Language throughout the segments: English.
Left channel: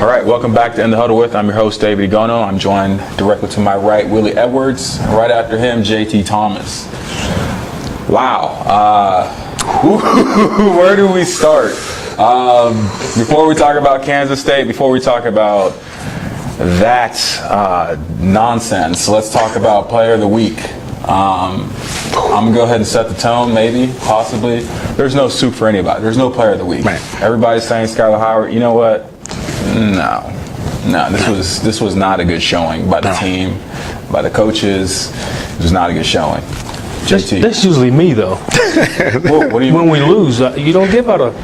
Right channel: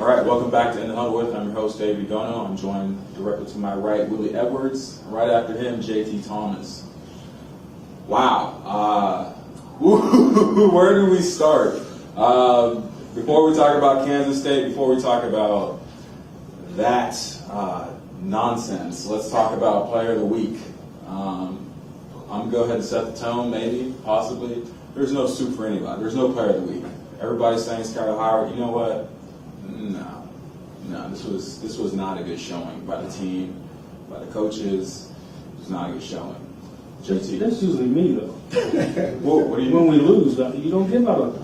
All right, welcome back to In the Huddle with. I'm your host, David Egono. I'm joined directly to my right, Willie Edwards. Right after him, JT Thomas. Wow. Where do we start? Before we talk about Kansas State, before we talk about that nonsense, let's talk about Player of the Week. I'm going to go ahead and set the tone, maybe, possibly. There's no soup for anybody. There's no Player of the Week. Right. Everybody's saying Skylar Howard. You know what? No, this was not a good showing by the team, by the coaches. It was not a good showing. JT. That's usually me, though. What do you when we lose, you don't give out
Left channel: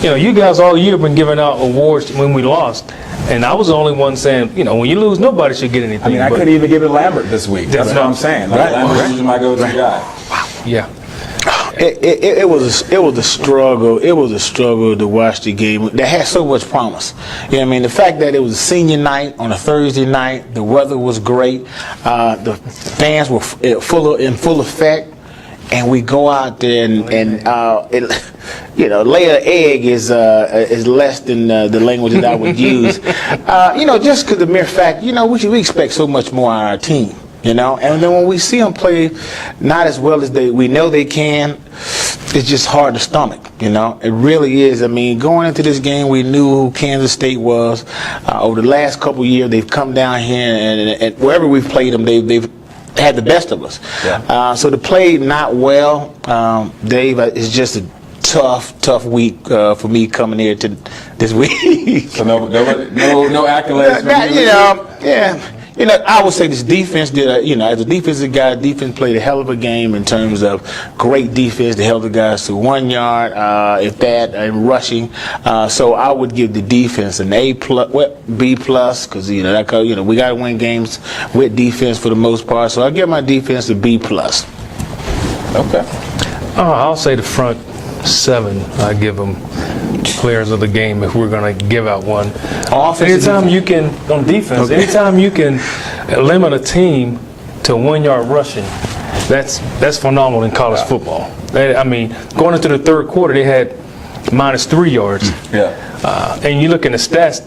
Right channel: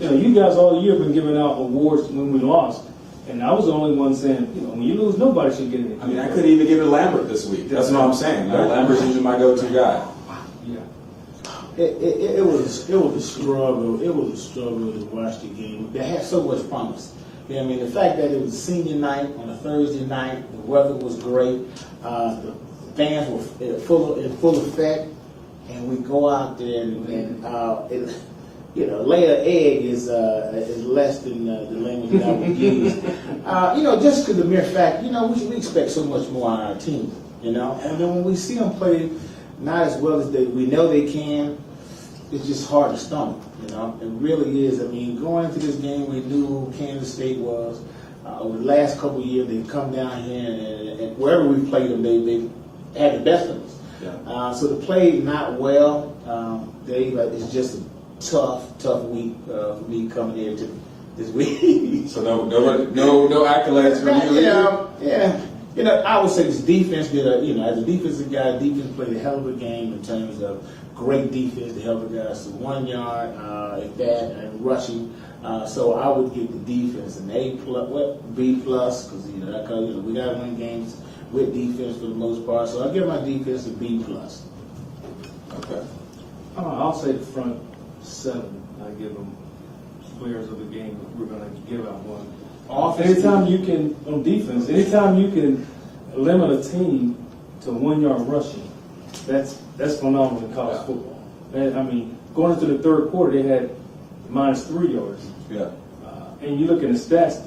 you guys all year have been giving out awards when we lost. And I was the only one saying, when you lose, nobody should get anything. I mean, I couldn't even give it Lambert this week. That's what I'm saying. Like, Lambert is my go-to guy. Wow. Yeah. It was a struggle. It was a struggle to watch the game that had so much promise. The fact that it was a senior night on a Thursday night, the weather was great, the fans were in full effect, and we go out there and lay an egg is less than the language that I would use. Just because the mere fact, we expect so much more on our team. And then when we see them play not as well as we know they can, it's just hard to stomach, It really is. Going into this game, we knew who Kansas State was. Over the last couple of years, they've come down here, and wherever we've played them, they've had the best of us. Yeah. So to play not well, Dave, it's just a tough week for me coming here to this week. So no accolades for you? I would say this defense did, as a defensive guy, defense played a hell of a game in terms of great defense. They held the guys to 1 yard, if that, and rushing. So I would give the defense an A+, B+, because we got to win games with defense for the most part. So I give my defense a B+. Okay. I'll say the front seven. I give them players of the game if we're going to give out one. Anytime you can, on defense, anytime you can limit a team to 1 yard rushing, that's phenomenal in college football. Going into the third quarter, they had -3 yards. Yeah. And you look in the stats,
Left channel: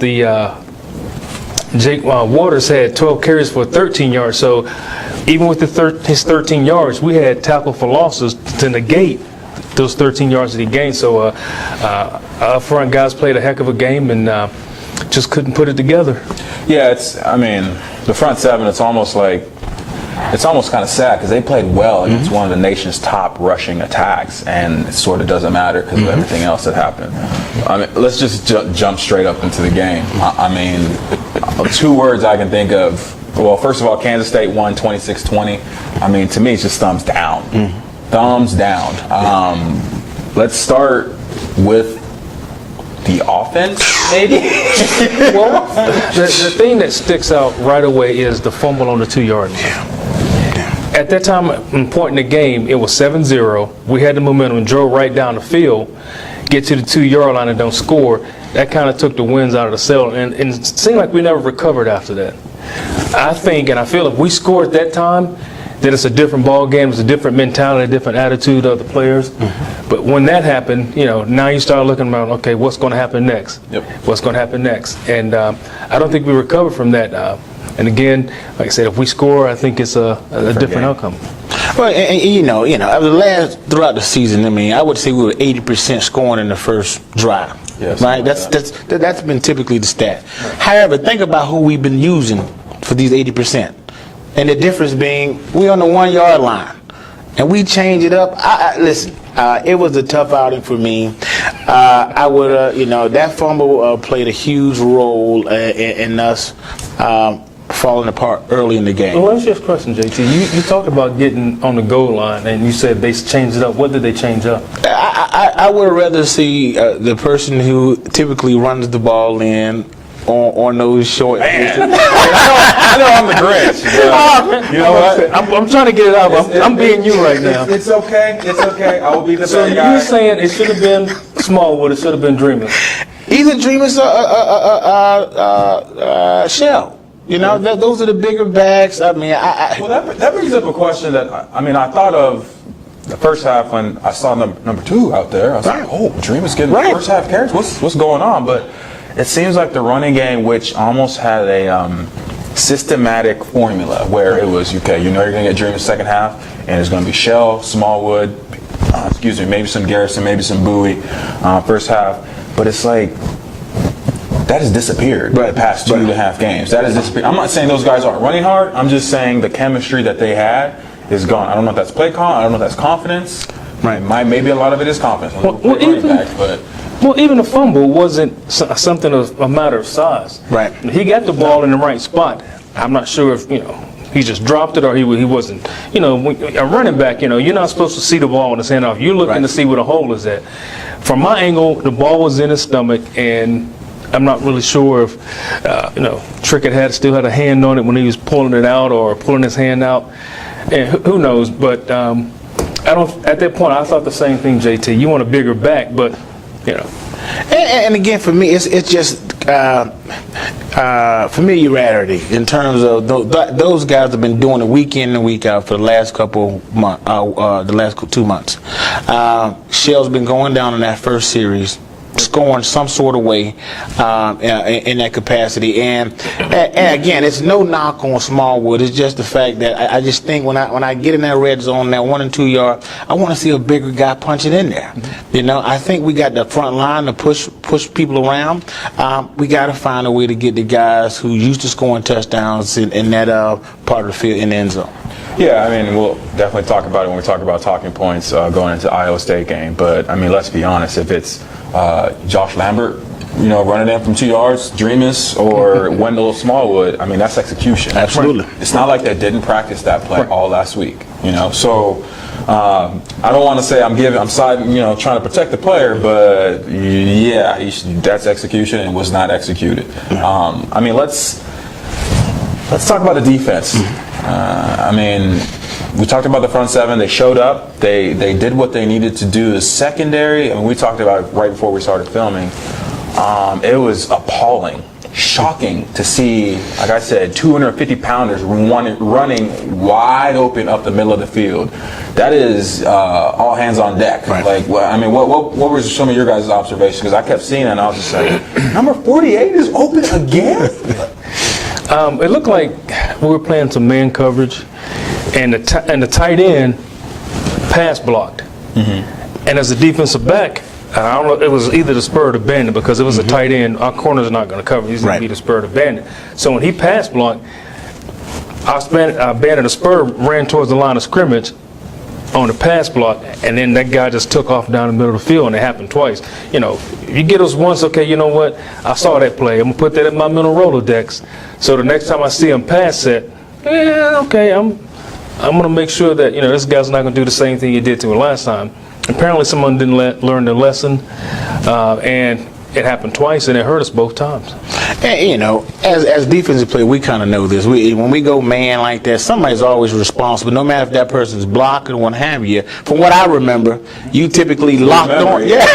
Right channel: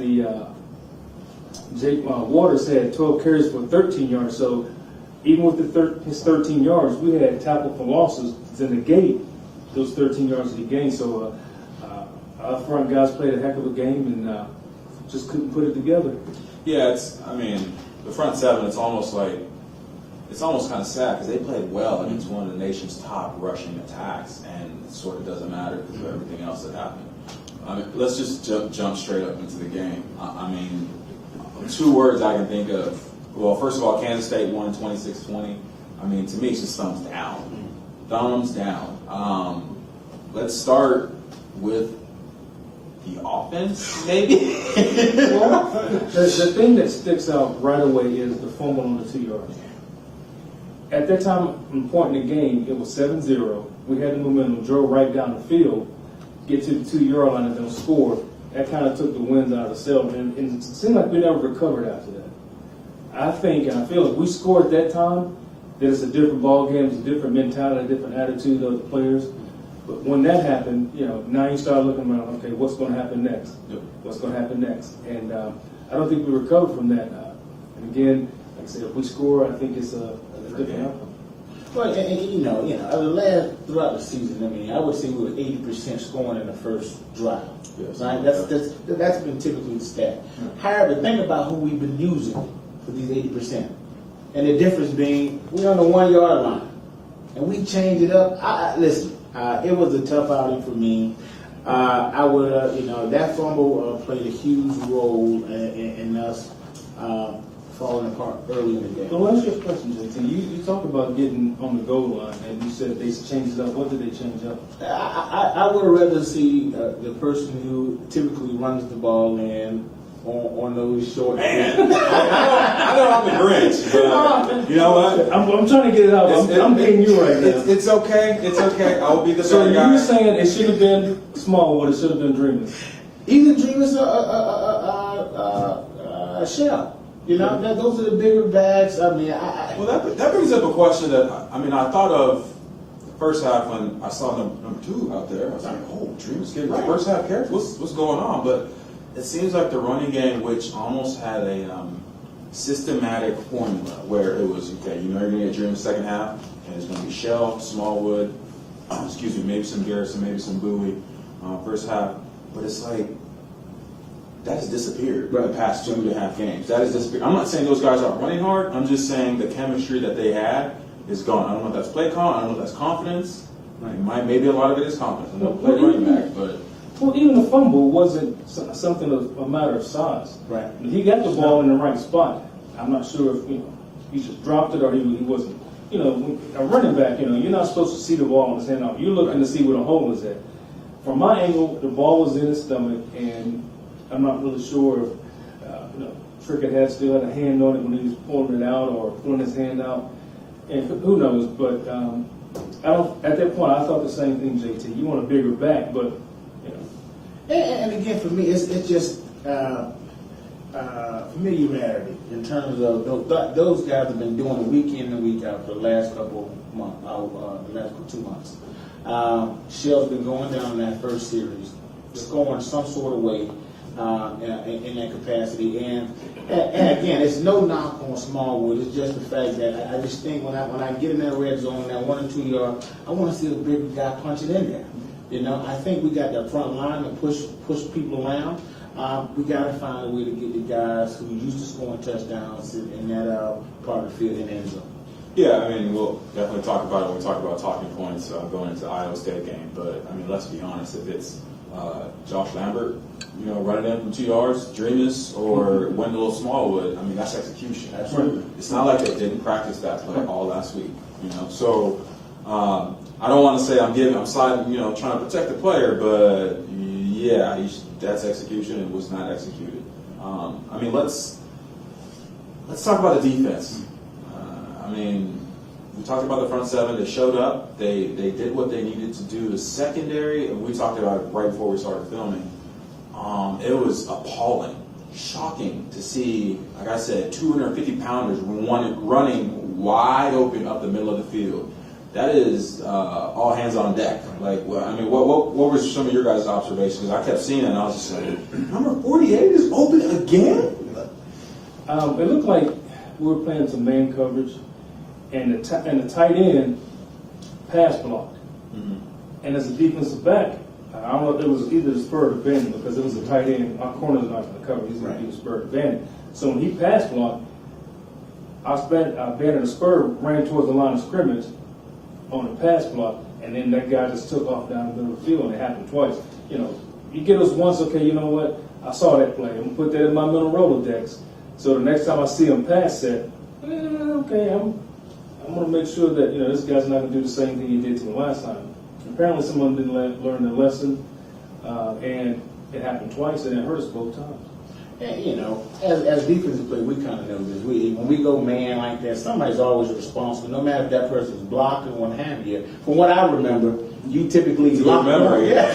Jake Waters had 12 carries for 13 yards. So even with his 13 yards, we had tackle for losses to negate those 13 yards that he gained. So up front guys played a heck of a game and just couldn't put it together. Yeah, the front seven, it's almost kind of sad because they played well against one of the nation's top rushing attacks, and it sort of doesn't matter because of everything else that happened. Let's just jump straight up into the game. Two words I can think of. Well, first of all, Kansas State won 26-20. To me, it's just thumbs down. Thumbs down. Let's start with the offense, maybe? Well, the thing that sticks out right away is the fumble on the 2 yard line. At that time, point in the game, it was 7-0. We had the momentum, drove right down the field, get to the 2 yard line and don't score. That kind of took the winds out of the sail, and it seemed like we never recovered after that. I think, and I feel if we scored at that time, then it's a different ball game, it's a different mentality, a different attitude of the players. But when that happened, now you start looking around, okay, what's going to happen next? Yep. What's going to happen next? And I don't think we recovered from that. And again, like I said, if we score, I think it's a different outcome. Well, throughout the season, I would say we were 80% scoring in the first drive. Yes, right? That's been typically the stat. However, think about who we've been using for these 80%. And the difference being, we're on the 1 yard line, and we change it up. Listen, it was a tough outing for me. I would, that fumble played a huge role in us falling apart early in the game. Well, let me ask you a question, JT. You talked about getting on the goal line, and you said they changed it up. What did they change up? I would rather see the person who typically runs the ball in on those short. I know I'm the Grinch. You know what? I'm trying to get it out. I'm being you right now. It's okay. It's okay. I'll be the So bad guy. you're saying it should have been Smallwood, it should have been Dreamer. Either Dreamer's Shell. Those are the bigger backs. Well, that brings up a question that I thought of the first half when I saw number 2 out there. I was like, oh, Dreamer's getting the first half carries. What's going on? But it seems like the running game, which almost had a systematic formula where it was, okay, you know you're going to get during the second half, and it's going to be Shell, Smallwood, maybe some Garrison, maybe some Bowie, first half. But it's like, that has disappeared in the past 2.5 games. That has disappeared. I'm not saying those guys aren't running hard. I'm just saying the chemistry that they had is gone. I don't know if that's play call. I don't know if that's confidence. Right. Maybe a lot of it is confidence. Well, even the fumble wasn't something of a matter of size. Right. He got the ball in the right spot. I'm not sure if, he just dropped it or he wasn't. A running back, you're not supposed to see the ball in his hand off. You're looking to see where the hole is at. From my angle, the ball was in his stomach, and I'm not really sure if, Trickett still had a hand on it when he was pulling it out or pulling his hand out. And who knows? But at that point, I thought the same thing, JT. You want a bigger back, but, And again, for me, it's just familiarity in terms of those guys have been doing it week in and week out for the last couple months, the last 2 months. Shell's been going down in that first series, scoring some sort of way in that capacity, and again, it's no knock on Smallwood. It's just the fact that I just think when I get in that red zone, that 1 and 2 yard, I want to see a bigger guy punching in there. I think we got the front line to push people around. We got to find a way to get the guys who used to scoring touchdowns in that part of the field in the end zone. Yeah, I mean, we'll definitely talk about it when we talk about talking points going into the Iowa State game. But I mean, let's be honest, if it's Josh Lambert, running in from 2 yards, Dreamus, or Wendell Smallwood, I mean, that's execution. Absolutely. It's not like they didn't practice that play all last week, So I don't want to say I'm siding, trying to protect the player, but yeah, that's execution and was not executed. I mean, let's talk about the defense. I mean, we talked about the front seven. They showed up. They did what they needed to do. The secondary, I mean, we talked about it right before we started filming. It was appalling, shocking to see, like I said, 250-pounders running wide open up the middle of the field. That is all hands on deck. Right. Like, what were some of your guys' observations? Because I kept seeing it, and I was just like, number 48 is open again? It looked like we were playing some man coverage, and the tight end pass blocked. Mm-hmm. And as a defensive back, I don't know, it was either the spur or the bandit, because it was a tight end. Our corner's not going to cover. He's going to be the spur or the bandit. So when he pass blocked, our bandit and the spur ran towards the line of scrimmage on the pass block, and then that guy just took off down the middle of the field, and it happened twice. If you get us once, okay, you know what? I saw that play. I'm going to put that in my mental Rolodex. So the next time I see him pass it, okay, I'm going to make sure that, this guy's not going to do the same thing he did to him last time. Apparently someone didn't learn their lesson, and it happened twice, and it hurt us both times. And, as defensive players, we kind of know this. When we go man like that, somebody's always responsible, no matter if that person's blocking or what have you. From what I remember, you typically locked on. Yeah,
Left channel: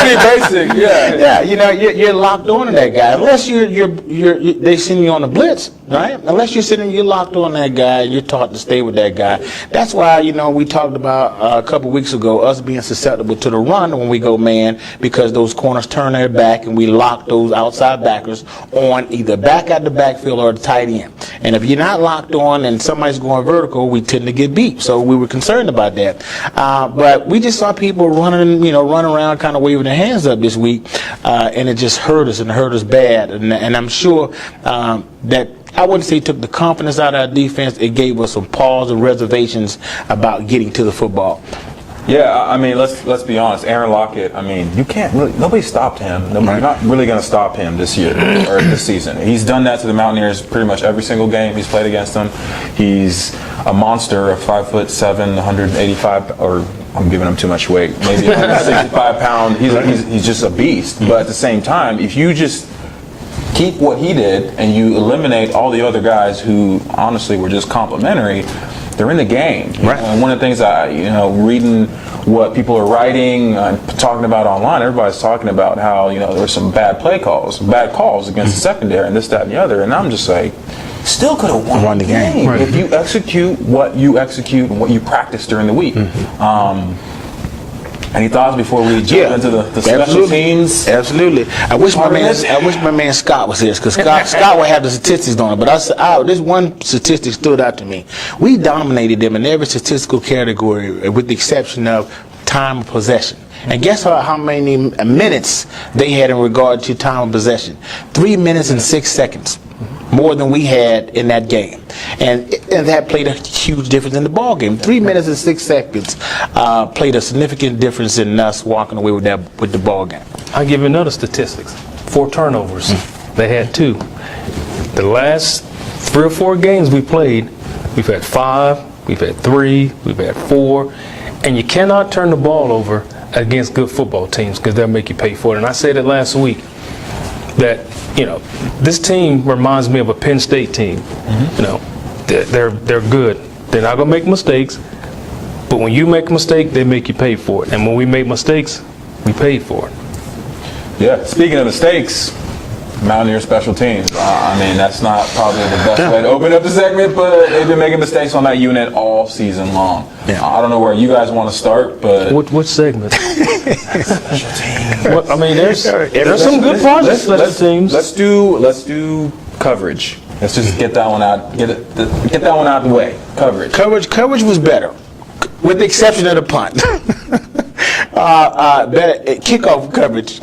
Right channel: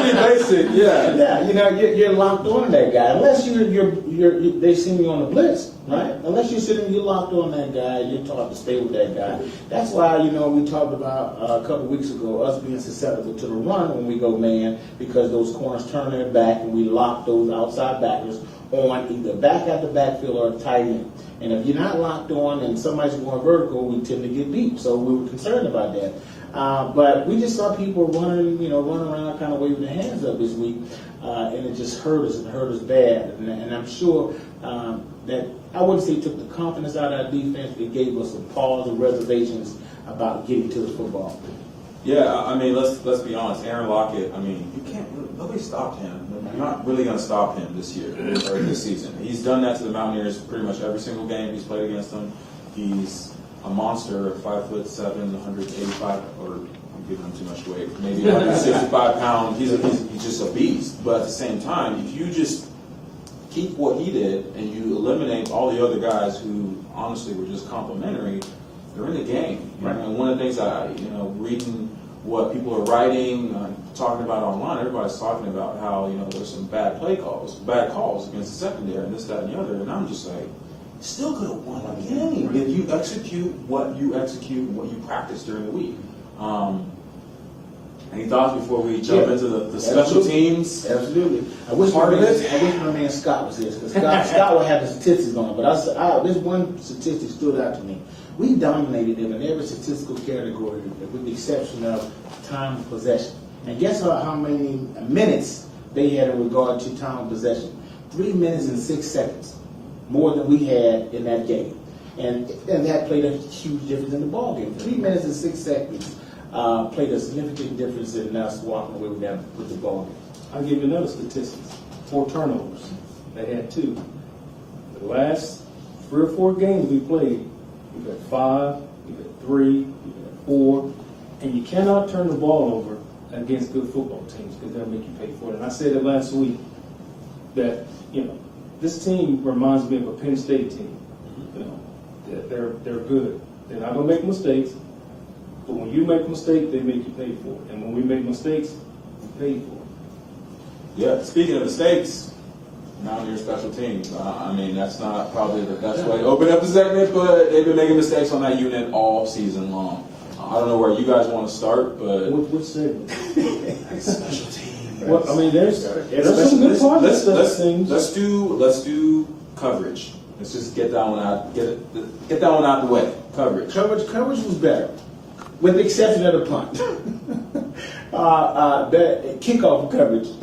pretty basic. Yeah. You're locked on to that guy, unless they send you on the blitz, right? Unless you're locked on that guy, you're taught to stay with that guy. That's why we talked about a couple weeks ago us being susceptible to the run when we go man, because those corners turn their back and we lock those outside backers on either back at the backfield or the tight end. And if you're not locked on and somebody's going vertical, we tend to get beat. So we were concerned about that. But we just saw people running around kind of waving their hands up this week, and it just hurt us and hurt us bad. And I'm sure that I wouldn't say it took the confidence out of our defense. It gave us some pause and reservations about getting to the football. Yeah, I mean, let's be honest. Aaron Lockett, I mean, you can't really, nobody stopped him. You're not really going to stop him this year or this season. He's done that to the Mountaineers pretty much every single game he's played against them. He's a monster of 5'7", 185, or I'm giving him too much weight, maybe 165 pound. He's just a beast. But at the same time, if you just keep what he did and you eliminate all the other guys who honestly were just complimentary, they're in the game. Right. And one of the things reading what people are writing, talking about online, everybody's talking about how, there's some bad calls against the secondary and this, that, and the other. And I'm just like, still could have won the game if you execute and what you practice during the week. Any thoughts before we jump into the special teams? Absolutely. I wish my man Scott was here, because Scott would have the statistics on it. But this one statistic stood out to me. We dominated them in every statistical category, with the exception of time of possession. And guess how many minutes they had in regard to time of possession? 3 minutes and 6 seconds. More than we had in that game, and that played a huge difference in the ball game. 3 minutes and 6 seconds played a significant difference in us walking away with the ball game. I'll give you another statistics. 4 turnovers. They had 2. The last 3 or 4 games we played, we've had 5, we've had 3, we've had 4, and you cannot turn the ball over against good football teams, because they'll make you pay for it. And I said it last week that, this team reminds me of a Penn State team. They're good. They're not gonna make mistakes, but when you make a mistake, they make you pay for it. And when we make mistakes, we paid for it. Yeah. Speaking of mistakes, Mountaineer special teams. That's not probably the best way to open up the segment, but they've been making mistakes on that unit all season long. Yeah. I don't know where you guys want to start, but Which segment? Well, there's some good projects special teams. Let's do coverage. Let's just get that one out. Get that one out of the way. Coverage was better, with the exception of the punt. Better kickoff coverage.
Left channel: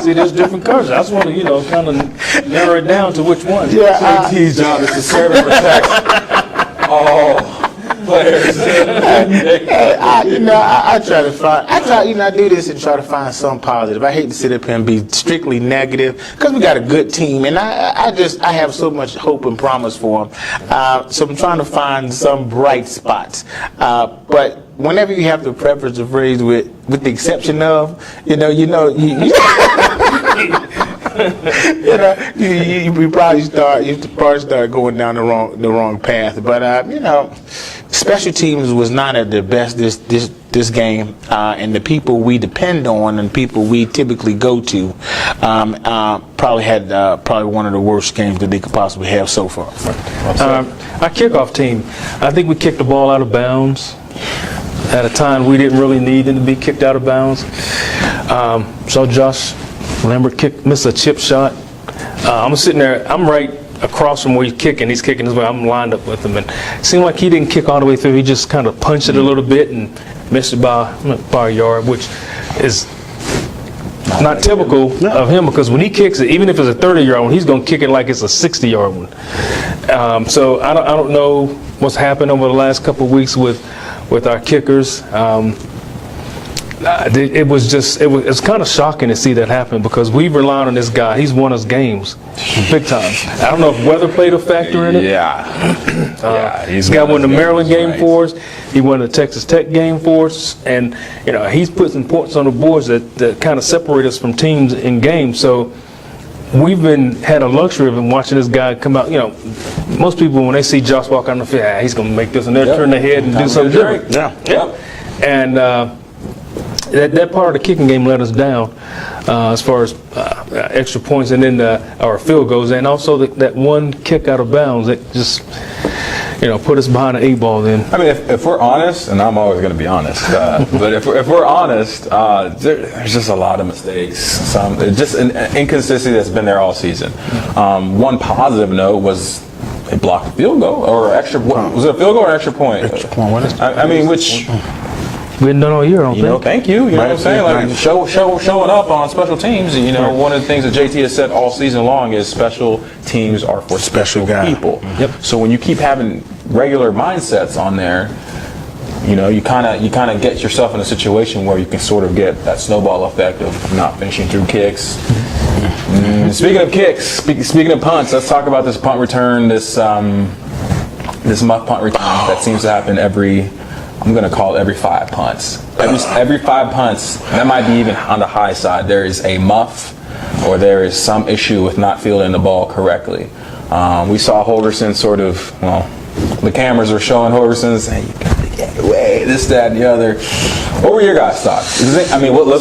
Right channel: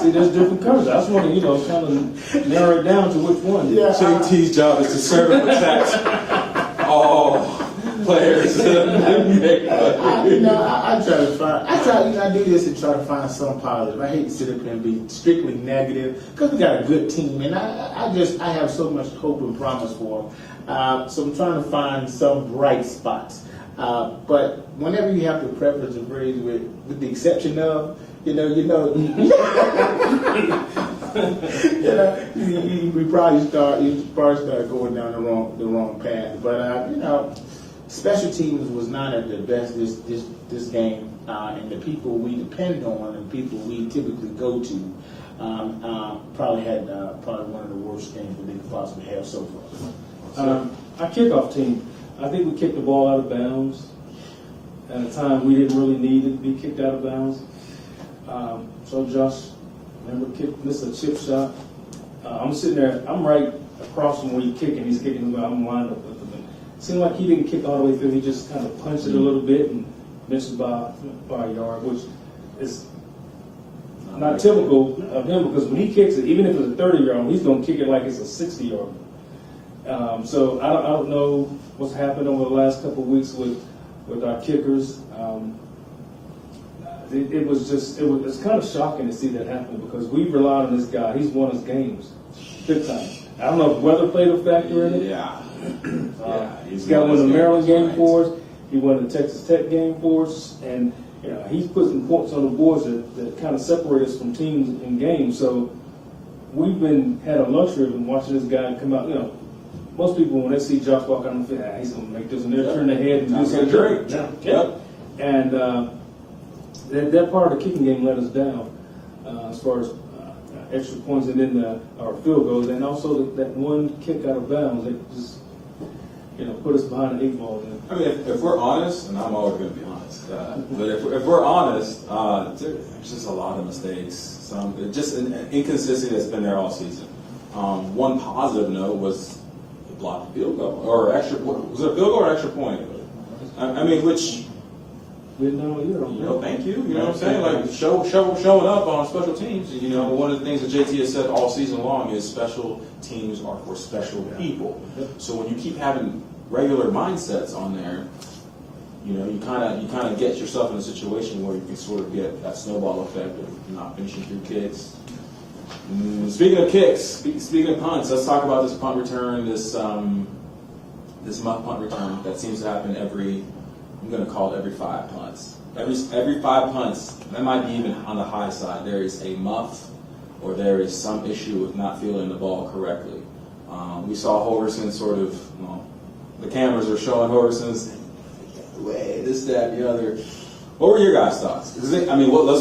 See, there's different coverage. I just want to, kind of narrow it down to which one. Yeah, CT's job is to serve and protect all players. I do this and try to find some positive. I hate to sit up here and be strictly negative, because we got a good team, and I have so much hope and promise for them. So I'm trying to find some bright spots. But whenever you have to preface the phrase with the exception of, you probably start going down the wrong path. But special teams was not at their best this game, and the people we depend on and people we typically go to probably had one of the worst games that they could possibly have so far. Our kickoff team, I think we kicked the ball out of bounds at a time we didn't really need it to be kicked out of bounds. So Josh Lambert missed a chip shot. I'm sitting there, I'm right across from where he's kicking this way. I'm lined up with him, and it seemed like he didn't kick all the way through. He just kind of punched it a little bit and missed it by a yard, which is not typical of him, because when he kicks it, even if it's a 30-yard one, he's going to kick it like it's a 60-yard one. So I don't know what's happened over the last couple of weeks with our kickers. It was kind of shocking to see that happen, because we relied on this guy. He's won us games big time. I don't know if weather played a factor in it. He's got won the Maryland game for us. He won the Texas Tech game for us, and he's put some points on the boards that kind of separate us from teams in games. So we've had a luxury of watching this guy come out. Most people, when they see Josh walk on the field, he's going to make this, and they turn their head and do something different. And that part of the kicking game let us down as far as extra points, and then our field goals, and also that one kick out of bounds that just put us behind the 8 ball. Then if we're honest, and I'm always going to be honest, but if we're honest, there's just a lot of mistakes. Just an inconsistency that's been there all season. One positive note was they blocked a field goal or extra. Was it a field goal or extra point? Extra point. What is which. We hadn't done all year, I don't think. Thank you. You know what I'm saying? Like showing up on special teams. One of the things that JT has said all season long is special teams are for special people. Yep. So when you keep having regular mindsets on there, you kind of get yourself in a situation where you can sort of get that snowball effect of not finishing through kicks. Speaking of kicks, speaking of punts, let's talk about this punt return. This muck punt return that seems to happen I'm going to call it every 5 punts. Every 5 punts, that might be even on the high side, there is a muff or there is some issue with not fielding the ball correctly. We saw Holgerson the cameras are showing Holgerson saying, you got to get away, this, that, and the other. What were your guys' thoughts? Let's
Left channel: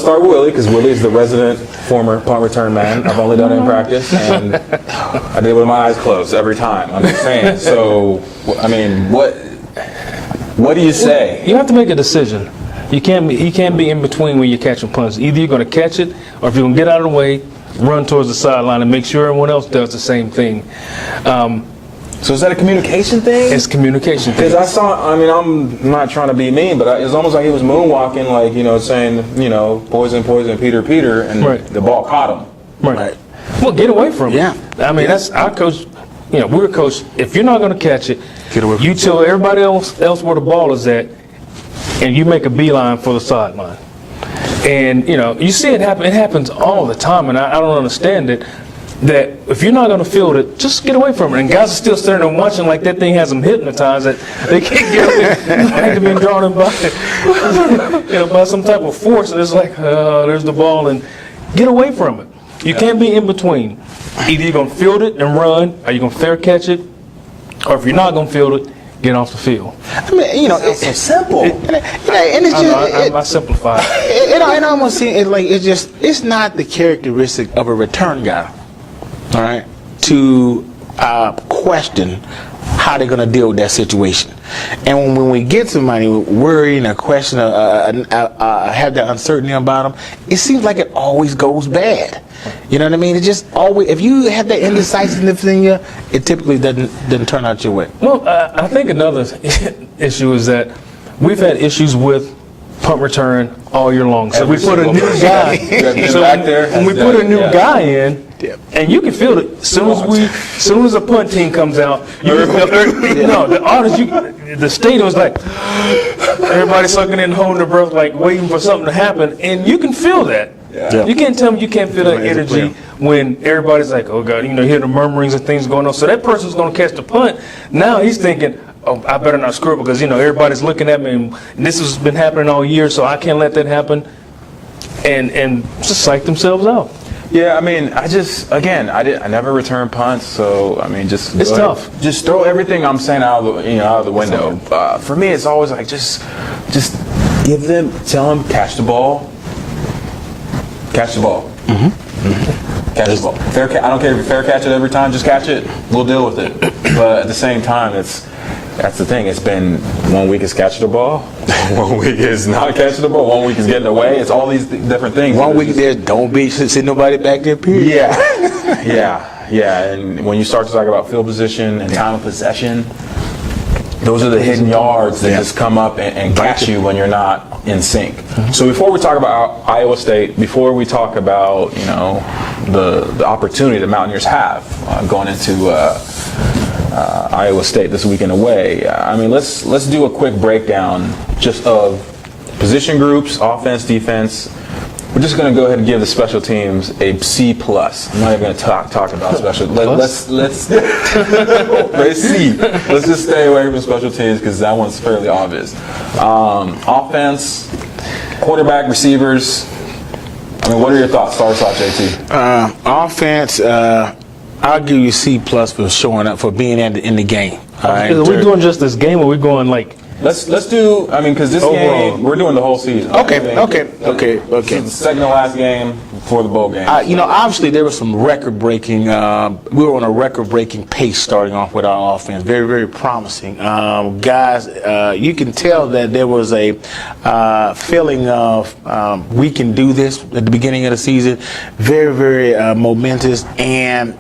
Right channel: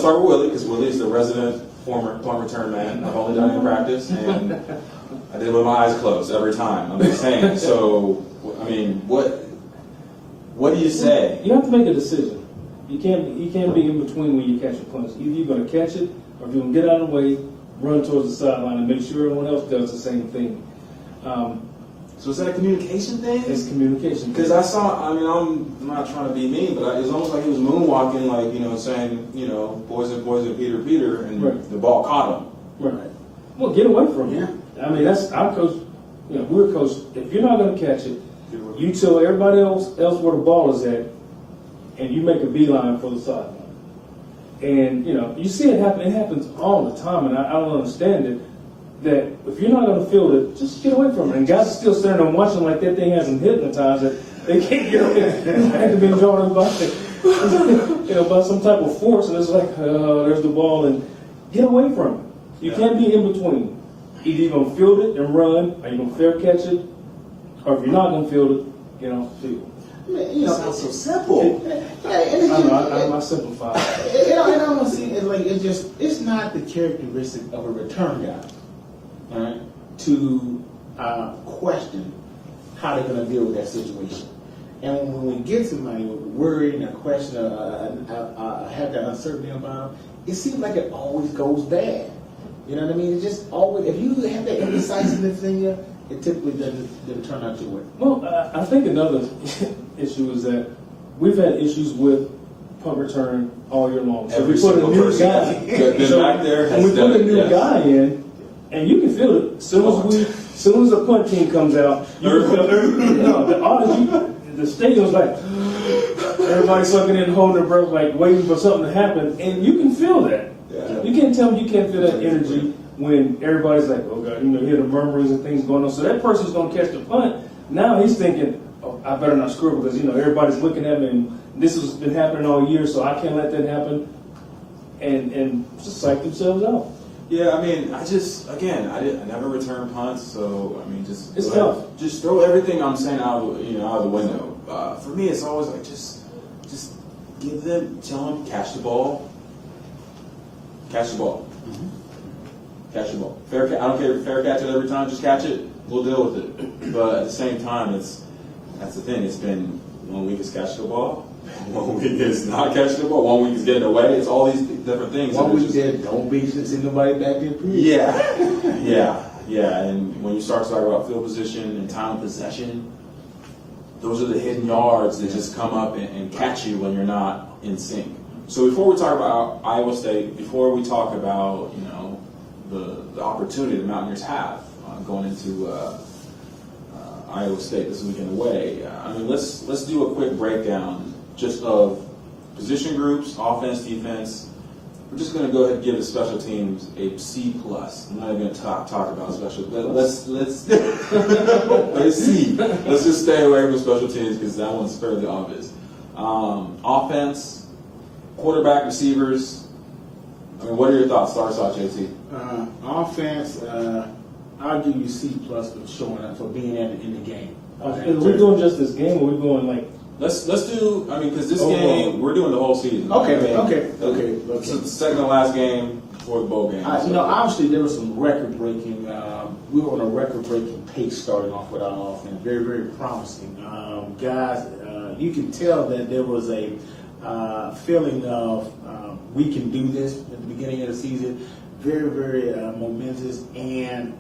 start with Willie, because Willie's the resident former punt return man. I've only done it in practice, and I did it with my eyes closed every time. I'm just saying. So, what do you say? You have to make a decision. You can't be in between when you're catching punts. Either you're going to catch it, or if you're going to get out of the way, run towards the sideline and make sure everyone else does the same thing. So is that a communication thing? It's communication. Because I saw, I mean, I'm not trying to be mean, but it's almost like he was moonwalking, like, you know, saying, you know, poison, poison, Peter, Peter, and Right. the ball caught him. Right. Well, get away from it. Yeah. I mean, that's our coach. You know, we're a coach. If you're not going to catch it, Get away from you it. tell everybody else where the ball is at, and you make a beeline for the sideline. And, you know, you see it happen. It happens all the time, and I don't understand it. That if you're not going to field it, just get away from it. And guys are still standing there watching like that thing has them hypnotized, that they can't get it. They're being drawn in by, you know, by some type of force. And it's like, there's the ball, and get away from it. You can't be in between. Either you're going to field it and run, or you're going to fair catch it, or if you're not going to field it, get off the field. I mean, you know, it's so simple. And it's just, I simplify it. it almost seems like it's not the characteristic of a return guy, all right, to question how they're going to deal with that situation. And when we get somebody worrying or question have that uncertainty about them, it seems like it always goes bad. You know what I mean? It just always, if you have that indecisiveness in you, it typically doesn't turn out your way. Well, I think another issue is that we've had issues with punt return all year long. So we put a new guy. So back there. when we put a new guy in, and you can feel it. As soon as a punt team comes out, the stadium's like everybody's sucking in, holding their breath, like waiting for something to happen, and you can feel that. Yeah. You can't tell me you can't feel that energy when everybody's like, oh God, you know, hear the murmurings and things going on. So that person's going to catch the punt. Now he's thinking, oh, I better not screw it because, you know, everybody's looking at me and this has been happening all year, so I can't let that happen. And just psych themselves out. Yeah, I mean, I never return punts, so I mean, It's tough. Just throw everything I'm saying out of the window. For me, it's always like just tell them catch the ball. Catch the ball. Catch the ball. I don't care if you fair catch it every time. Just catch it. We'll deal with it. But at the same time, that's the thing. It's been 1 week is catch the ball, 1 week is not catch the ball, 1 week is getting away. It's all these different things. 1 week there, don't be sitting nobody back there. Period. Yeah. And when you start to talk about field position and time of possession, those are the hidden yards that just come up and catch you when you're not in sync. So before we talk about Iowa State, before we talk about, you know, the opportunity the Mountaineers have going into Iowa State this weekend away, I mean, let's do a quick breakdown just of position groups, offense, defense. We're just going to go ahead and give the special teams a C+. I'm not even going to talk about special. Let's see. Let's just stay away from special teams because that one's fairly obvious. Offense, quarterback, receivers. I mean, what are your thoughts? Start off, JT. Offense, I'll give you C+ for showing up, for being in the game. All right? Are we doing just this game, or we're going like? Let's do. I mean, because this game we're doing the whole season. Okay. This is the second to last game before the bowl game. You know, obviously there was some record-breaking. We were on a record-breaking pace starting off with our offense. Very, very promising. Guys, you can tell that there was a feeling of we can do this at the beginning of the season. Very, very momentous, and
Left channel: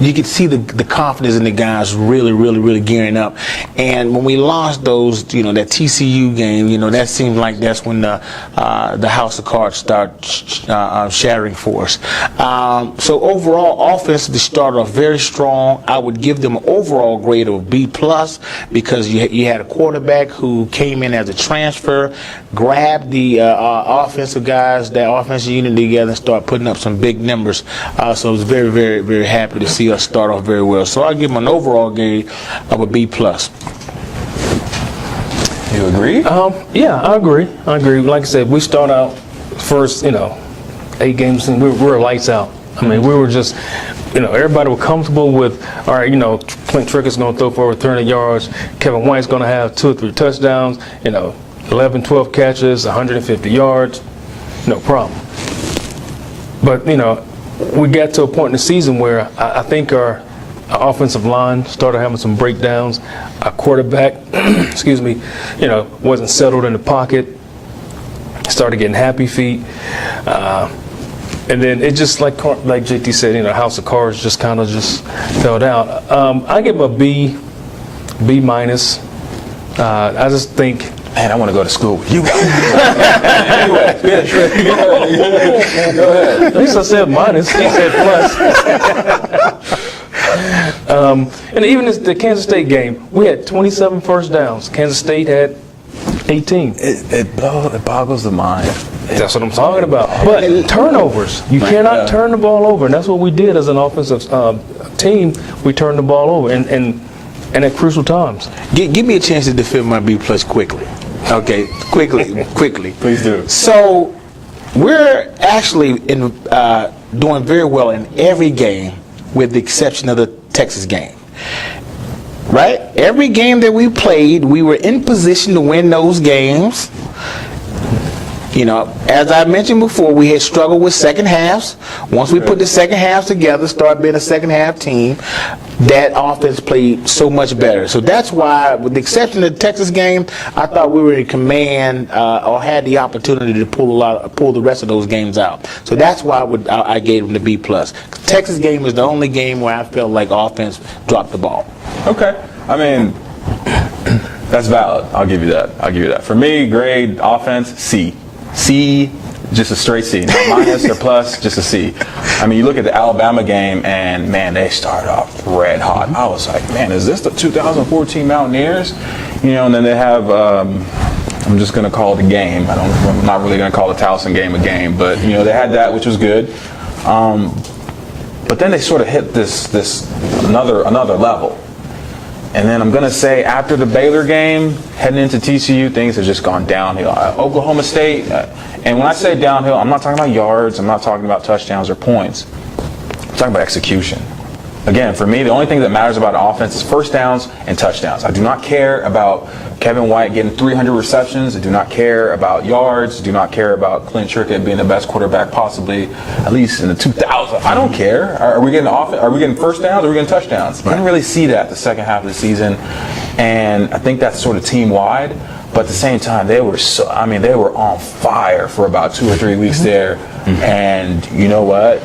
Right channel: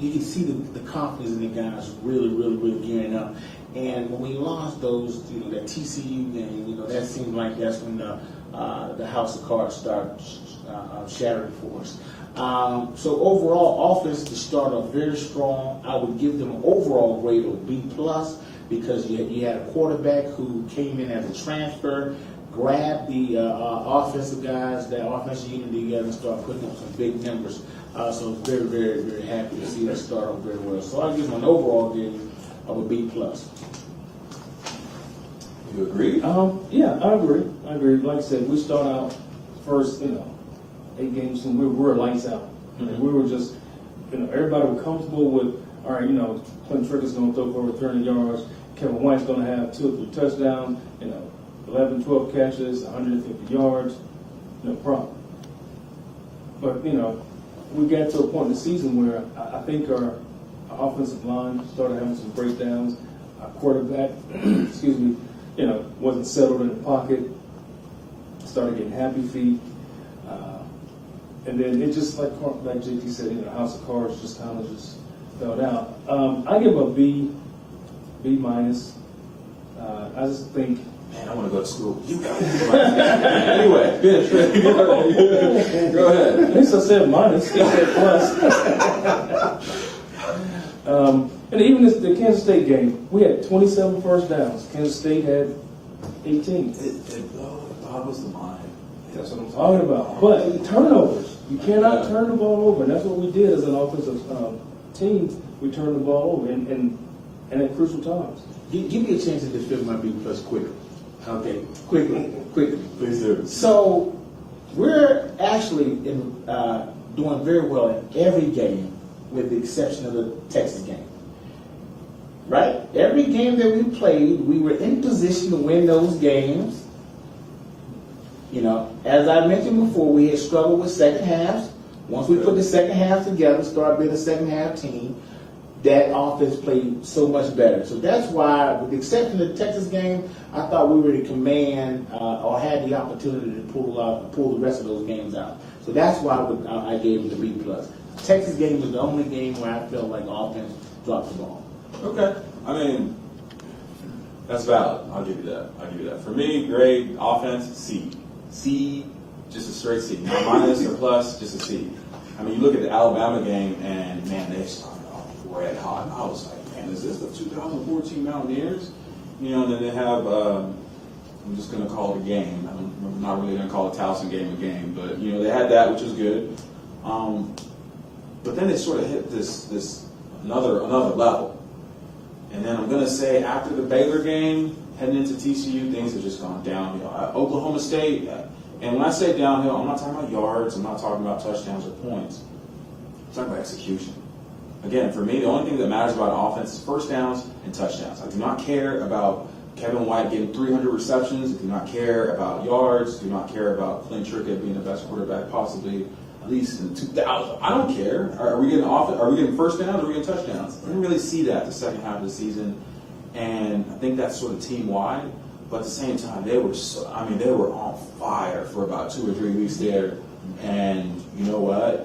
you could see the confidence in the guys really, really, really gearing up. And when we lost those, you know, that TCU game, you know, that seemed like that's when the house of cards start shattering for us. So overall, offensively started off very strong. I would give them an overall grade of B+, because you had a quarterback who came in as a transfer, grabbed the offensive guys, that offensive unit together, and start putting up some big numbers. So I was very, very, very happy to see us start off very well. So I'll give them an overall grade of a B+. You agree? Yeah, I agree. Like I said, we start out first, you know, 8 games and we were lights out. I mean, we were just, you know, everybody was comfortable with, all right, you know, Clint Trickett's going to throw for over 300 yards. Kevin White's going to have 2 or 3 touchdowns, you know, 11, 12 catches, 150 yards, no problem. But, you know, we got to a point in the season where I think our offensive line started having some breakdowns. Our quarterback, excuse me, you know, wasn't settled in the pocket. started getting happy feet. And then it just, like JT said, House of Cards just kind of just fell down. I give him a B minus. I just think, man, I want to go to school with you. Anyway, go ahead. at least I said minus. He said plus. And even the Kansas State game, we had 27 first downs. Kansas State had 18. It boggles the mind. That's what I'm talking about. But turnovers, you cannot turn the ball over, and that's what we did as an offensive team. We turned the ball over, and at crucial times. Give me a chance to defend my B plus quickly. Okay, quickly. Please do. So we're actually doing very well in every game, with the exception of the Texas game. Right? Every game that we played, we were in position to win those games. As I mentioned before, we had struggled with second halves. Once we put the second halves together, started being a second half team, that offense played so much better. So that's why, with the exception of the Texas game, I thought we were in command or had the opportunity to pull the rest of those games out. So that's why I gave them the B plus. Texas game is the only game where I felt like offense dropped the ball. Okay. I mean, that's valid. I'll give you that. For me, grade offense, C. C, just a straight C. No minus or plus, just a C. I mean, you look at the Alabama game, and man, they started off red hot. I was like, man, is this the 2014 Mountaineers? And then they have, I'm just going to call it a game. I'm not really going to call the Towson game a game, but they had that, which was good. But then they sort of hit this another level. And then I'm going to say after the Baylor game, heading into TCU, things have just gone downhill. Oklahoma State, and when I say downhill, I'm not talking about yards, I'm not talking about touchdowns or points. I'm talking about execution. Again, for me, the only thing that matters about an offense is first downs and touchdowns. I do not care about Kevin White getting 300 receptions. I do not care about yards. I do not care about Clint Trickett being the best quarterback possibly, at least in the 2000s. I don't care. Are we getting first downs or are we getting touchdowns? I didn't really see that the second half of the season, and I think that's sort of team-wide. But at the same time, they were on fire for about 2 or 3 weeks there, and you know what?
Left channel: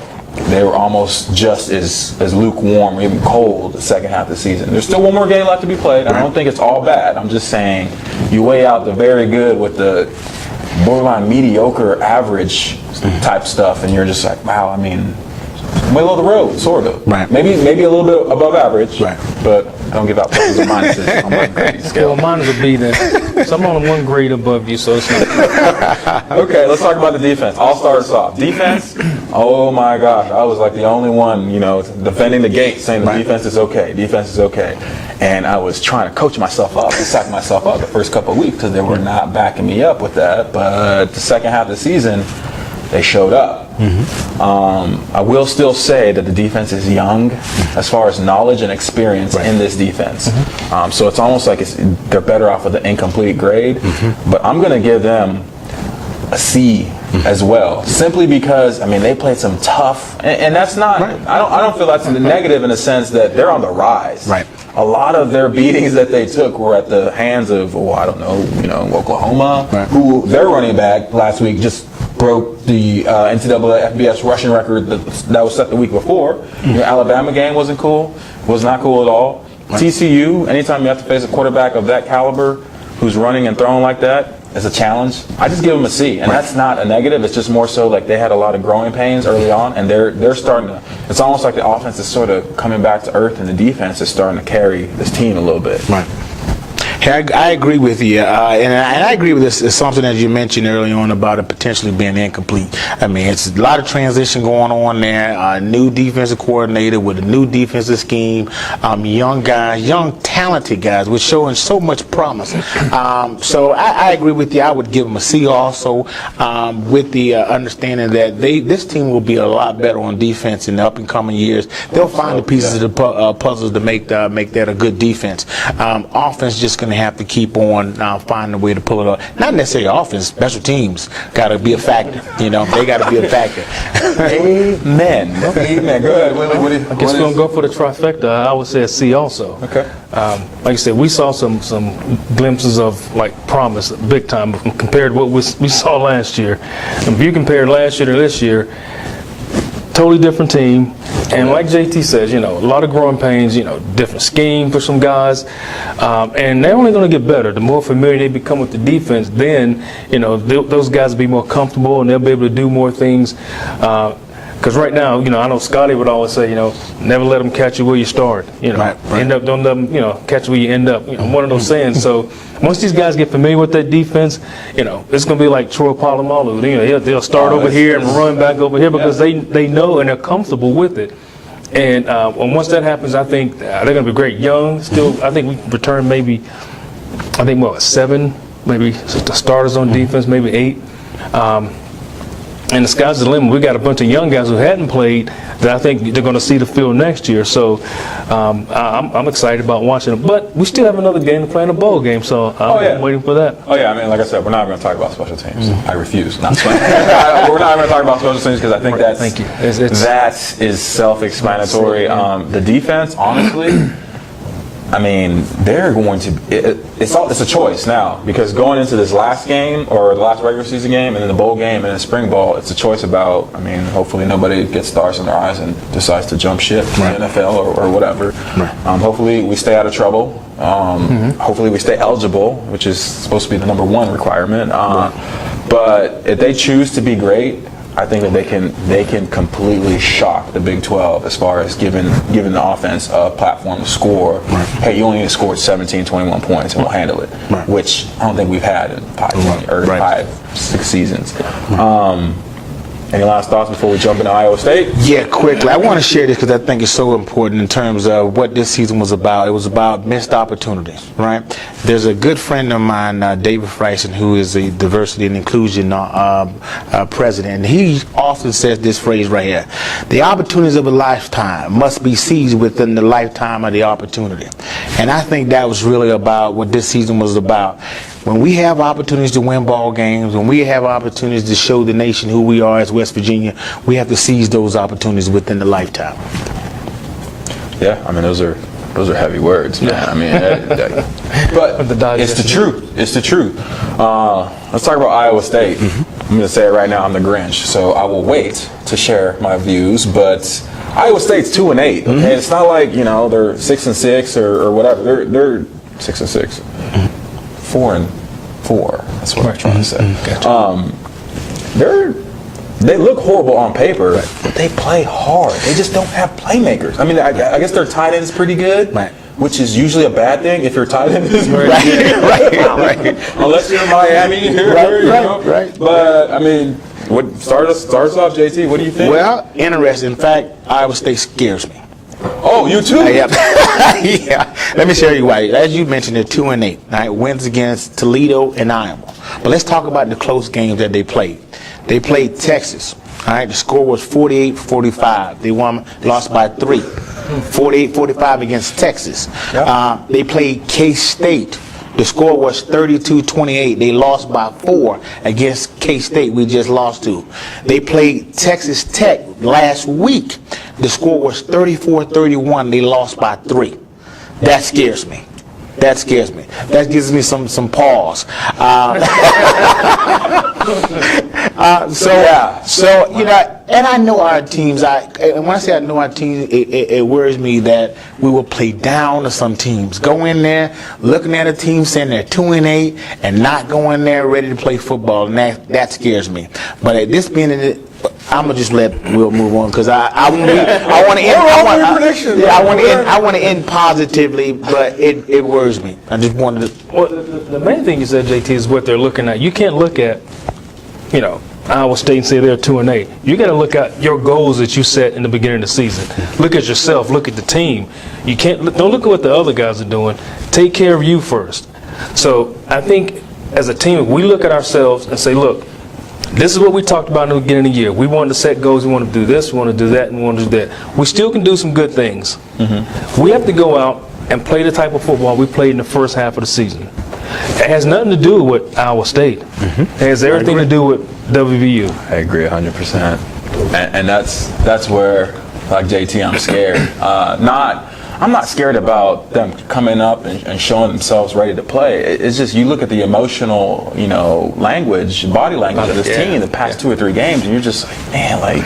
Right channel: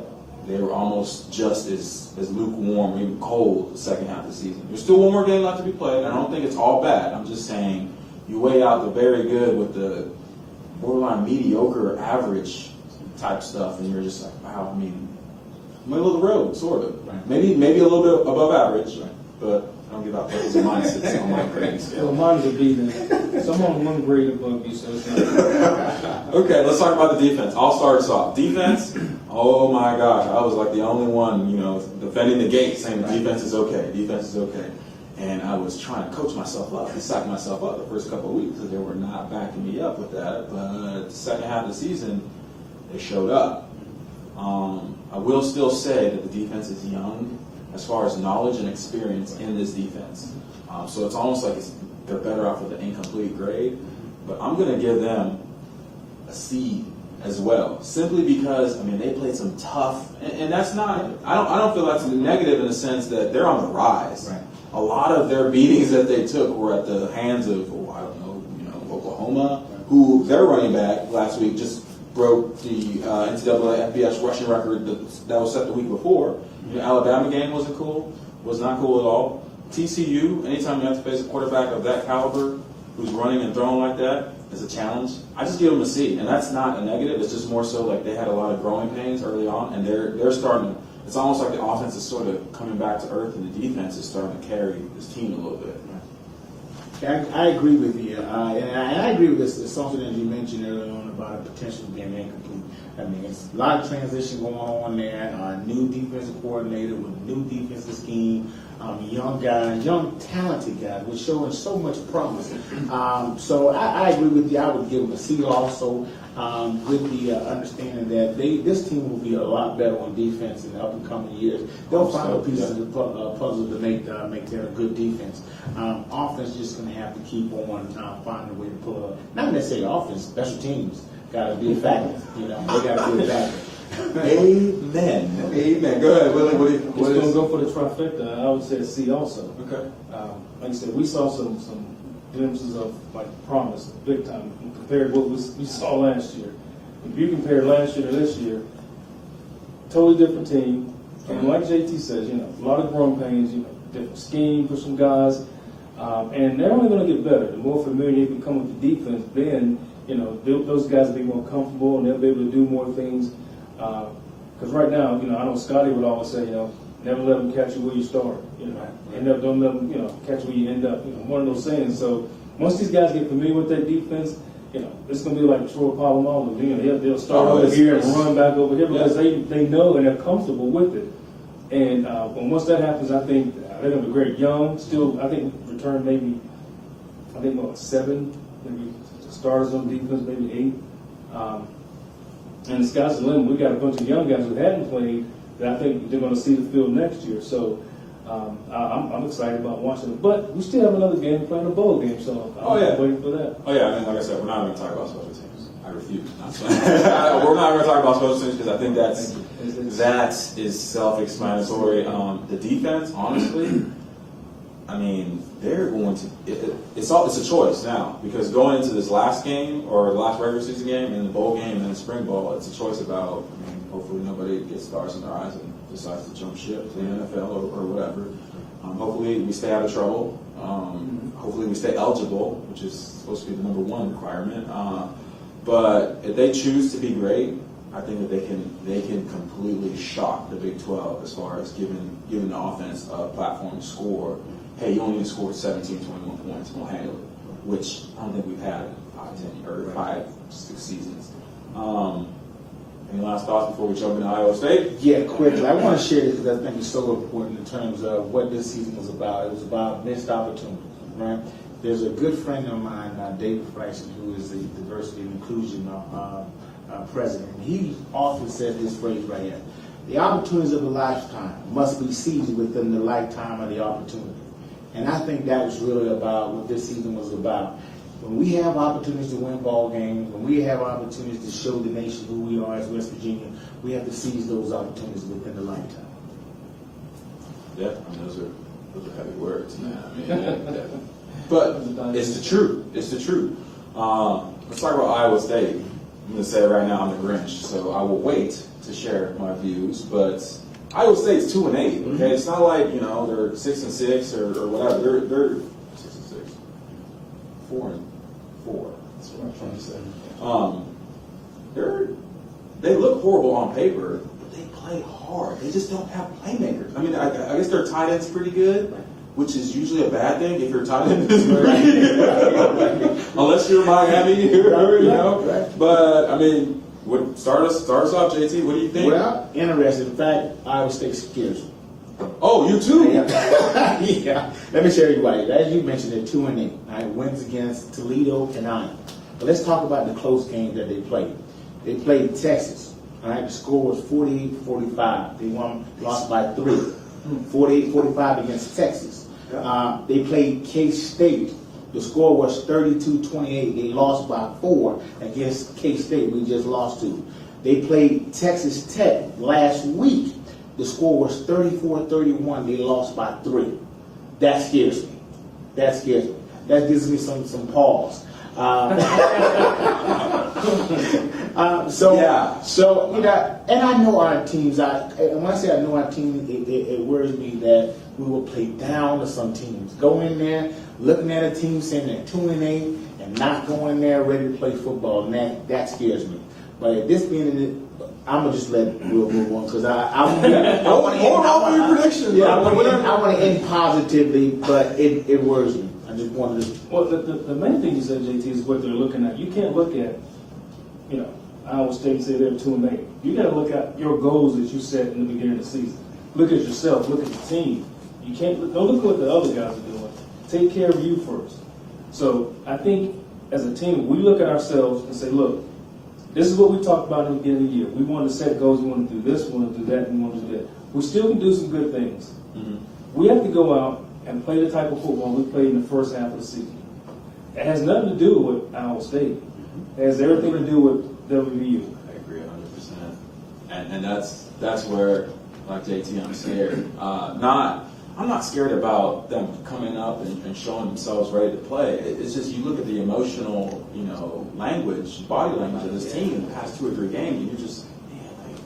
They were almost just as lukewarm or even cold the second half of the season. There's still one more game left to be played. I don't think it's all bad. I'm just saying you weigh out the very good with the borderline mediocre average type stuff, and you're just like, wow, I mean, middle of the road, sort of. Right. Maybe a little bit above average, right. But I don't give out pluses and minuses on my grade scale. Well, mine would be that. So I'm on 1 grade above you, so it's not. Okay, let's talk about the defense. I'll start us off. Defense, oh my gosh, I was like the only one, defending the gate, saying the defense is okay. Defense is okay. And I was trying to coach myself up and psych myself up the first couple of weeks because they were not backing me up with that. But the second half of the season, they showed up. I will still say that the defense is young as far as knowledge and experience in this defense. So it's almost like they're better off with an incomplete grade. But I'm going to give them a C as well, simply because they played some tough, and that's not. I don't feel that's negative in the sense that they're on the rise. Right. A lot of their beatings that they took were at the hands of, Oklahoma, who their running back last week just broke the NCAA FBS rushing record that was set the week before. Your Alabama game wasn't cool. Was not cool at all. TCU, anytime you have to face a quarterback of that caliber who's running and throwing like that, it's a challenge. I just give them a C, and that's not a negative. It's just more so like they had a lot of growing pains early on, and they're starting to. It's almost like the offense is sort of coming back to earth, and the defense is starting to carry this team a little bit. Right. I agree with you, and I agree with this assumption that you mentioned early on about it potentially being incomplete. It's a lot of transition going on there. New defensive coordinator with a new defensive scheme. Young guys, young talented guys, with showing so much promise. So I agree with you. I would give them a C also, with the understanding that this team will be a lot better on defense in the up and coming years. They'll find the pieces of the puzzles to make that a good defense. Offense just going to to have to keep on finding a way to pull it off. Not necessarily offense, special teams got to be a factor. They got to be a factor. Amen. Amen. Go ahead. I guess we're going to go for the trifecta. I would say a C also. Okay. Like I said, we saw some glimpses of promise, big time, compared to what we saw last year. And if you compare last year to this year, totally different team. And like JT says, a lot of growing pains, different scheme for some guys. And they're only going to get better. The more familiar they become with the defense, then, those guys will be more comfortable and they'll be able to do more things. Because right now, I know Scotty would always say, never let them catch you where you start. Right. Don't let them, catch you where you end up. One of those sayings. So once these guys get familiar with that defense, it's going to be like Troy Polamalu. They'll start over here and run back over here because they know and they're comfortable with it. And once that happens, I think they're going to be great. Young, still, I think we can return maybe, 7, maybe the starters on defense, maybe 8. And the sky's the limit. We got a bunch of young guys who hadn't played that I think they're going to see the field next year. So I'm excited about watching them. But we still have another game to play in a bowl game, so I'm waiting for that. Oh, yeah. I mean, like I said, we're not going to talk about special teams. I refuse. Not special We're not going to talk about special teams because I think Thank you. that is self-explanatory. The defense, honestly, I mean, they're going to. It's a choice now because going into this last game or the last regular season game and then the bowl game and then spring ball, it's a choice about. I mean, hopefully nobody gets stars in their eyes and decides to jump ship to the NFL or whatever. Right. Hopefully we stay out of trouble. Hopefully we stay eligible, which is supposed to be the number 1 requirement. But if they choose to be great, I think that they can completely shock the Big 12 as far as giving the offense a platform to score. Right. Hey, you only need to score 17, 21 points and we'll handle it, which I don't think we've had in 5-6 seasons. Any last thoughts before we jump into Iowa State? Yeah, quickly. I want to share this because I think it's so important in terms of what this season was about. It was about missed opportunities, right? There's a good friend of mine, David Freisen, who is a diversity and inclusion president. He often says this phrase right here: the opportunities of a lifetime must be seized within the lifetime of the opportunity. And I think that was really about what this season was about. When we have opportunities to win ball games, when we have opportunities to show the nation who we are as West Virginia, we have to seize those opportunities within the lifetime. Yeah, I mean those are heavy words, man. I mean, but it's the truth. It's the truth. Let's talk about Iowa State. I'm going to say it right now. I'm the Grinch, so I will wait to share my views. But Iowa State's 2-8. Okay, it's not like they're 6-6 or whatever. They're 6-6. 4-4. That's what I'm trying to say. Gotcha. They look horrible on paper, but they play hard. They just don't have playmakers. I mean, I guess their tight end is pretty good, which is usually a bad thing if your tight end is very good. Right. Unless you're in Miami, Right. But I mean, start us off, JT. What do you think? Well, interesting. In fact, Iowa State scares me. Oh, you too? Yeah. Let me show you why. As you mentioned, they're 2-8. Right? Wins against Toledo and Iowa. But let's talk about the close games that they played. They played Texas. All right. The score was 48-45. They lost by 3. 48-45 against Texas. Yep. They played K-State. The score was 32-28. They lost by 4 against K-State. We just lost to. They played Texas Tech last week. The score was 34-31. They lost by 3. That scares me. That gives me some pause. And I know our teams. And when I say I know our teams, it worries me that we will play down to some teams. Go in there, looking at a team saying they're 2-8, and not go in there ready to play football. And that scares me. But at this being I'm gonna just let Will move on because I want to end positively, but it worries me. I just wanted to. Well, the main thing you said, JT, is what they're looking at. You can't look at, Iowa State and say they're 2-8. You got to look at your goals that you set in the beginning of the season. Look at yourself. Look at the team. You don't look at what the other guys are doing. Take care of you first. So I think as a team, we look at ourselves and say, look. This is what we talked about in the beginning of the year. We wanted to set goals. We want to do this. We want to do that. And we want to do that. We still can do some good things. We have to go out and play the type of football we played in the first half of the season. It has nothing to do with Iowa State. It has everything to do with WVU. I agree 100%. And that's where, like JT, I'm scared. I'm not scared about them coming up and showing themselves ready to play. It's just you look at the emotional, language, body language of this team the past 2 or 3 games, and you're just like, man, like.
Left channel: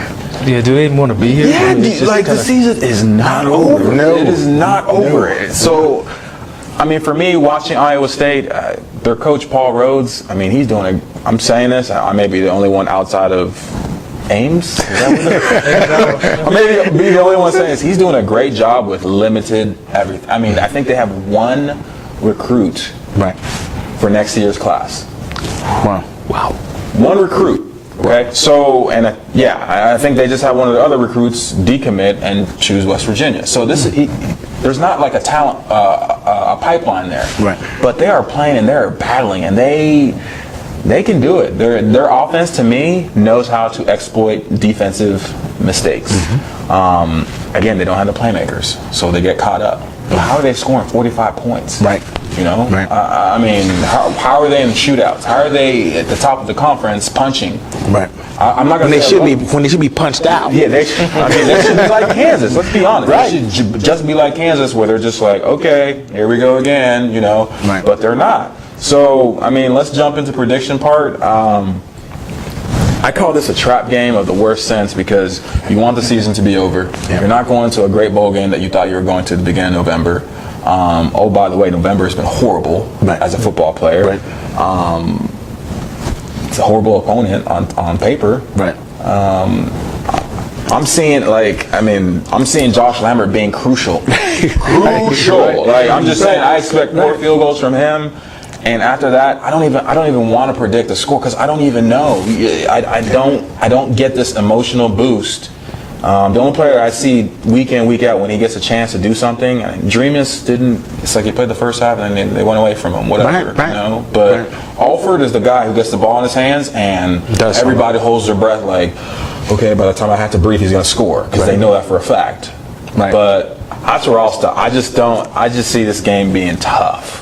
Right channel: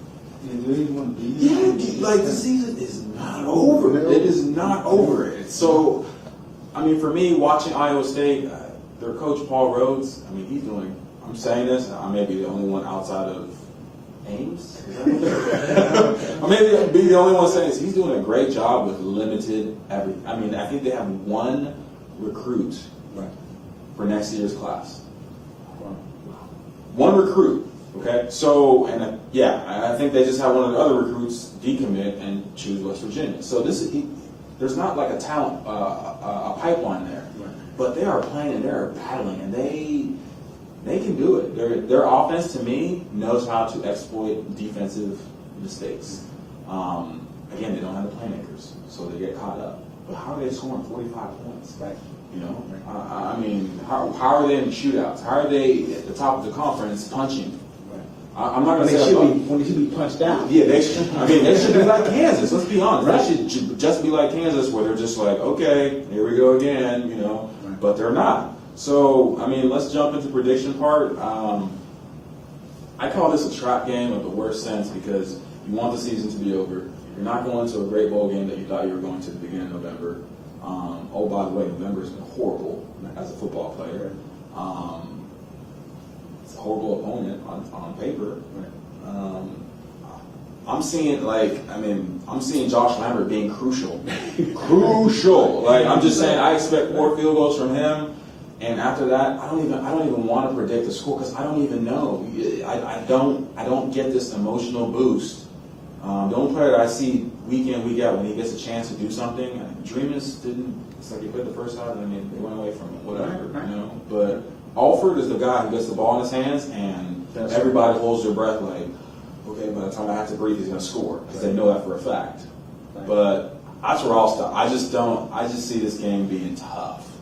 Yeah, do they even want to be here? Yeah, the season is not over. No. It is not over. So, I mean, for me, watching Iowa State, their coach Paul Rhodes, I mean, he's doing I'm saying this, I may be the only one outside of Ames? Maybe be the only one saying this. He's doing a great job with limited everything. I mean, I think they have 1 recruit for next year's class. Wow. 1 recruit. Okay, so I think they just have one of the other recruits decommit and choose West Virginia. So there's not like a talent a pipeline there. Right. But they are playing and they're battling and they can do it. Their offense, to me, knows how to exploit defensive mistakes. Again, they don't have the playmakers, so they get caught up. But how are they scoring 45 points? Right. Right. I mean, how are they in shootouts? How are they at the top of the conference punching? Right. I'm not going to say when they should be punched out. Yeah, they should be like Kansas. Let's be honest. They should just be like Kansas, where they're just like, okay, here we go again, Right. But they're not. So, I mean, let's jump into prediction part. I call this a trap game of the worst sense because you want the season to be over. You're not going to a great bowl game that you thought you were going to at the beginning of November. By the way, November has been horrible as a football player. Right. It's a horrible opponent on paper. Right. I'm seeing Josh Lambert being crucial. Crucial. Like, I'm just saying, I expect more field goals from him. And after that, I don't even want to predict the score because I don't even know. I don't get this emotional boost. The only player I see week in, week out when he gets a chance to do something, Dreamus didn't. It's like he played the first half and then they went away from him. Whatever, Right. But Alford is the guy who gets the ball in his hands and everybody holds their breath like, okay, by the time I have to breathe, he's going to score because they know that for a fact. Right. But after all stuff, I just see this game being tough.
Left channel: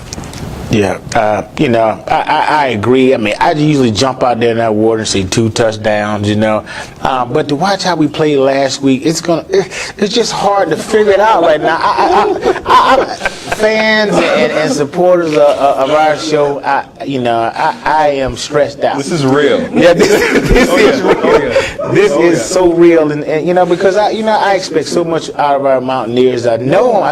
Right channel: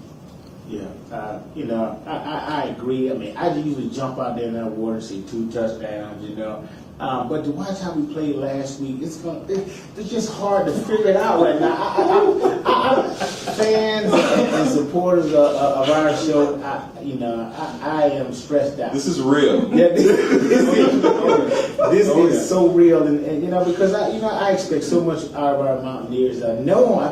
Yeah, I agree. I mean, I usually jump out there in that water and say 2 touchdowns, But to watch how we played last week, it's just hard to figure it out right now. Fans and supporters of our show, I am stressed out. This is real. Yeah, this is so real, and because I expect so much out of our Mountaineers. I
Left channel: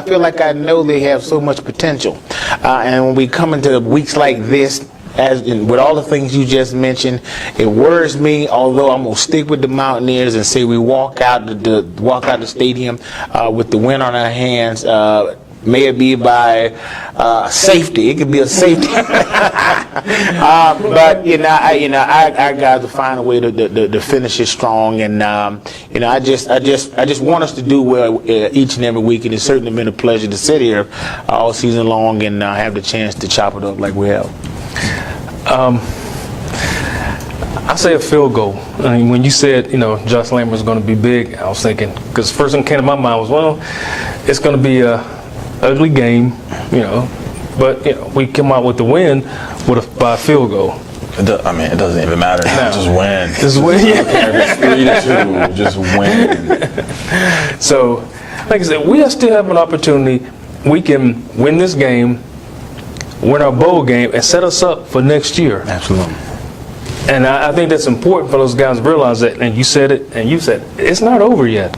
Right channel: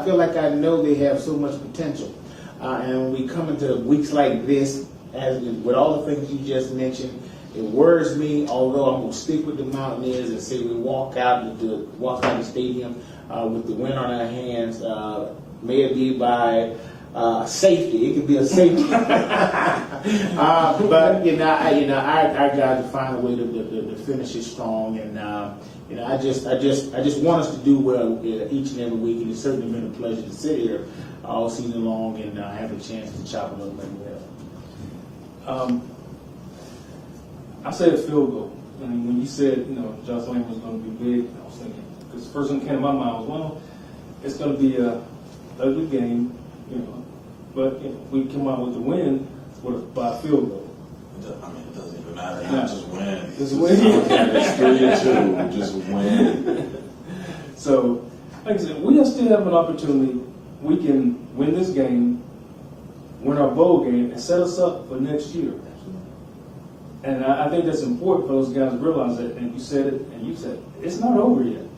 feel like I know they have so much potential, and when we come into weeks like this, with all the things you just mentioned, it worries me. Although I'm gonna stick with the Mountaineers and say we walk out the stadium with the win on our hands. May it be by safety. It could be a safety. But I got to find a way to finish it strong, and I just want us to do well each and every week. It has certainly been a pleasure to sit here all season long and have the chance to chop it up like we have. I say a field goal. I mean, when you said, Josh Lambert was going to be big, I was thinking, because the first thing that came to my mind was, well, it's going to be a ugly game, but we come out with the win by a field goal. It doesn't even matter. Just win. Just win. It's 3-2. Just win. So, like I said, we still have an opportunity. We can win this game, win our bowl game, and set us up for next year. Absolutely. And I think that's important for those guys to realize that. And you said it, and you said it. It's not over yet.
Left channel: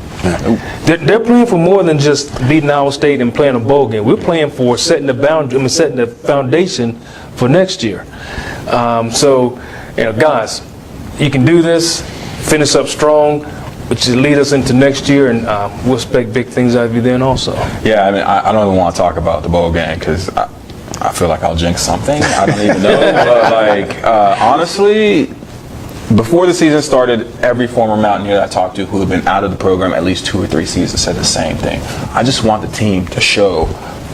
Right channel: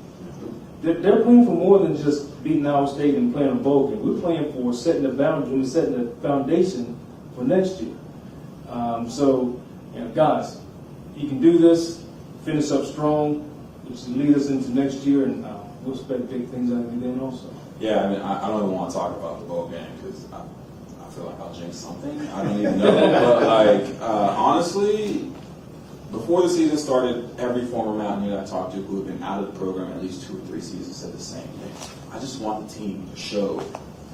They're playing for more than just beating Iowa State and playing a bowl game. We're playing for setting the foundation for next year. So, guys, you can do this. Finish up strong, which will lead us into next year, and we'll expect big things out of you then also. Yeah, I don't even want to talk about the bowl game because I feel like I'll jinx something. I don't even know. But honestly, before the season started, every former Mountaineer that I talked to who had been out of the program at least 2 or 3 seasons said the same thing. I just want the team to show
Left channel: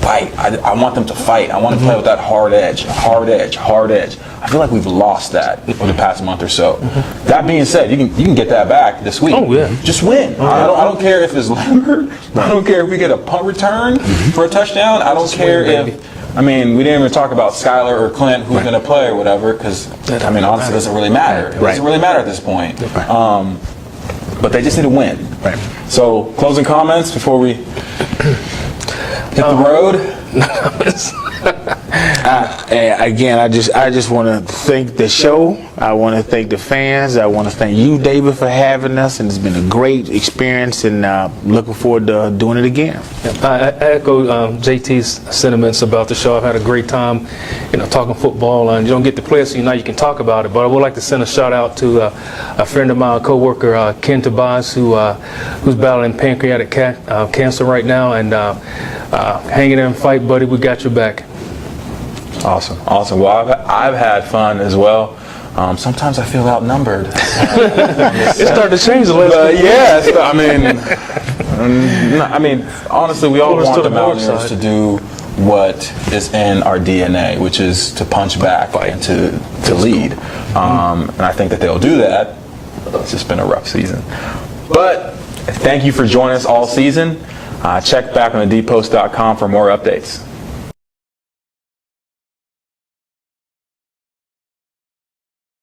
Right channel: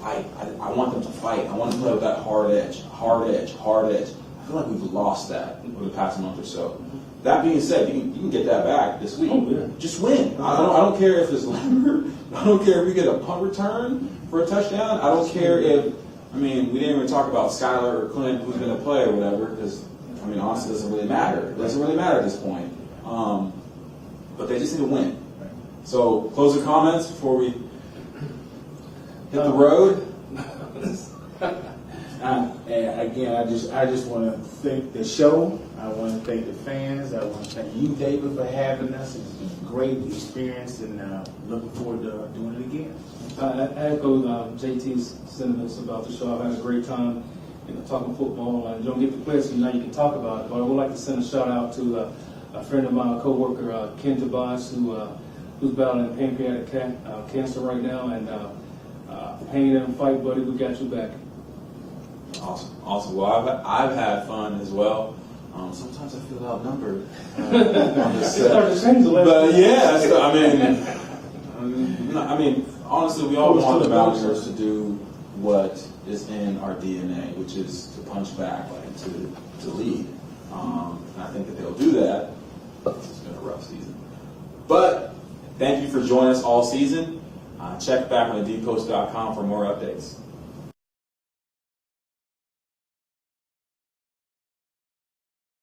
fight. I want them to fight. I want to play with that hard edge. I feel like we've lost that over the past month or so. That being said, you can get that back this week. Oh, yeah. Just win. I don't care if it's Lambert. I don't care if we get a punt return for a touchdown. I don't care if. I mean, we didn't even talk about Skylar or Clint who's going to play or whatever, because, I mean, honestly, it doesn't really matter. It doesn't really matter at this point. But they just need to win. Right. So, closing comments before we hit the road? Again, I just want to thank the show. I want to thank the fans. I want to thank you, David, for having us, and it's been a great experience, and looking forward to doing it again. I echo JT's sentiments about the show. I've had a great time, talking football, and you don't get to play it, so you can talk about it. But I would like to send a shout out to a friend of mine, a coworker, Ken Tobias, who's battling pancreatic cancer right now, and hang in there and fight, buddy. We got your back. Awesome. Well, I've had fun as well. Sometimes I feel outnumbered. It's starting to change a little bit. Yeah, so, I mean, honestly, we all want the Mountaineers to do what is in our DNA, which is to punch back and to lead. And I think that they'll do that. It's just been a rough season. But thank you for joining us all season. Check back on thedpost.com for more updates.